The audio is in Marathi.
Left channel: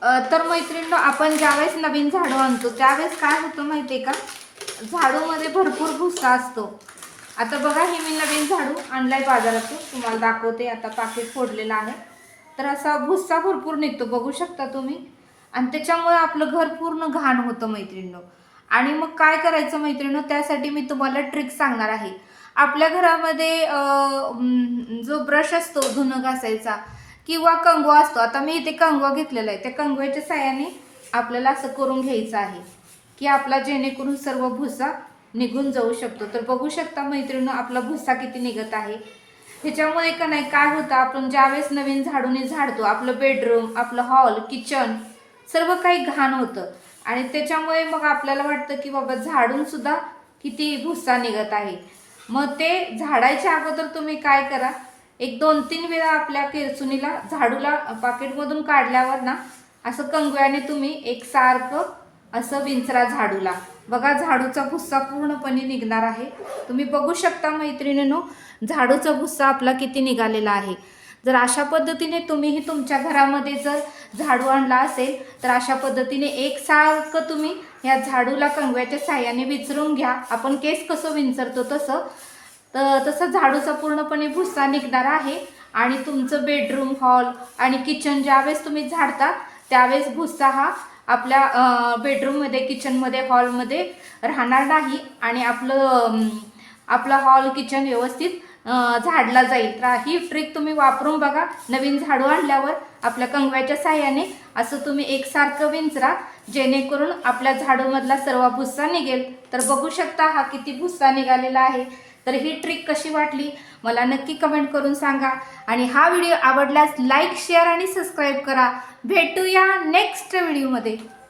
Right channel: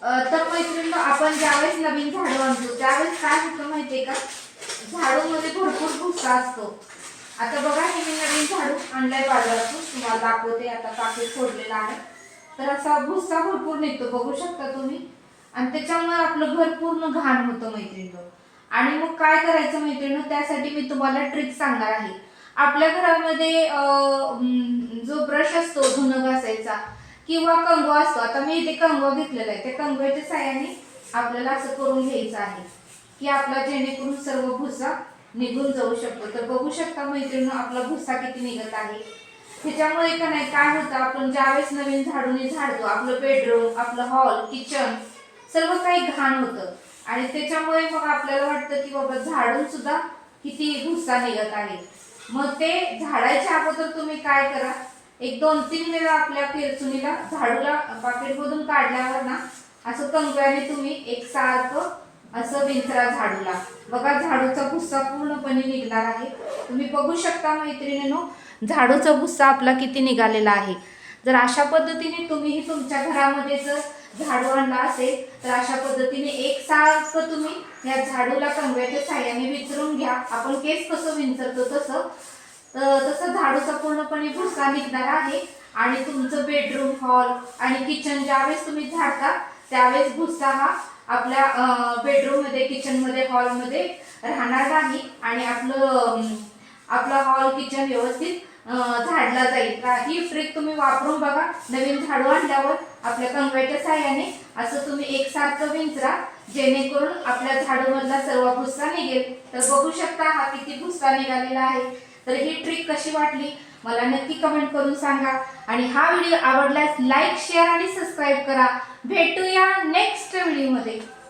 तर मैत्रिणींनो, आपण ज्यावेळेस नवीन झाडू आणतो त्यावेळेस काय होतं माहितीये का, झाडूमध्ये भरपूर भुसा असतो. आता बघा, हे मी नवीन झाडू आणलाय बाजारातून, तुम्हाला दाखवते. आता पाकिट फोडलेलं आहे, तर असा भुसा भरपूर निघतो, बघू शकता तुम्ही. आणि त्याच्यामुळे आपलं घर पूर्ण घाण होतं मैत्रिणींनो. आणि मग काय करायचं मैत्रिणींनो, त्यासाठी मी तुम्हाला ट्रिक सांगणार आहे. आपल्या घरामध्ये जो ब्रश असतो धुणं घासायचा किंवा कंगवा असतो. आता मी इथे कंगवा घेतलेला आहे, त्या कंगव्याच्या साहाय्याने आपल्याला असं करून घ्यायचं आहे की आपला जेणेकरून सर्व भुसा निघून जाऊ शकतो. तर बघू शकता मैत्रिणींनो, आपला भुसा किती निघत आहे. ह्याच्यामुळे का नाही, काय होतं, आपण ज्यावेळेस नवीन झाडूने झाडतो आपलं बेडरूम, आपलं हॉल, किचन सर्व काही घाण होतं. आणि त्याच्यामुळे मग आपल्याला वाटतं की बाबा झाडून सुद्धा किती भुसा निघत आहे. मग ते झाडायच्या अगोदर तुम्ही काय करा, एक 2-3 वेळा आपल्या पेरचुनीला झाडूला पाकिटमधून काढल्यावर ना, असं कंगव्याने तुम्ही एकसारखं असं विंचरा झाडूला. बघा, झाडूचा भुस्सा पूर्णपणे निघणार आहे. तुम्ही बघू शकता मैत्रिणींनो, झाडूचा भुस्सा आपला किती निघालेला आहे. जर अशा पद्धतीने तुम्हीही तुमच्या घरामध्ये जर झाडू आणला असेल तर अशा पद्धतीने एकसारखं तुम्ही ह्या झाडूला कंगव्याच्या साह्याने विंचरून घ्या. आपण केस कसं विंचरतो तसं झाडूचा पूर्णपणे भुस्सा निघणार आहे. आणि तुमचं बेडरूम, हॉल आणि किचन ज्यावेळेस तुम्ही झाडता त्यावेळेस भुस्सा हा आपल्या बेडरूममध्ये, किचनमध्ये, हॉलमध्ये राहणार नाही. आणि आपलं हॉल, किचन व्यवस्थित झाडला जाईल. तर ही ट्रिक तुम्ही वापरून बघा. नवीन झाडू आणल्यावर आपल्या कंगव्याच्या साह्याने असं तुम्ही एकसारखं विंचरा, जेणेकरून आपल्या झाडूमधला सर्व भुस्सा निघेल. तर बघू शकता हा किती भुस्सा निघालेला आहे. तर ही ट्रिक कशी वाटली मला नक्की कमेंट करून सांगा. आणि हा व्हिडिओ आवडल्यास लाईक, शेअर आणि सबस्क्राईब करा. भेटूया नेक्स्ट व्हिडिओमध्ये.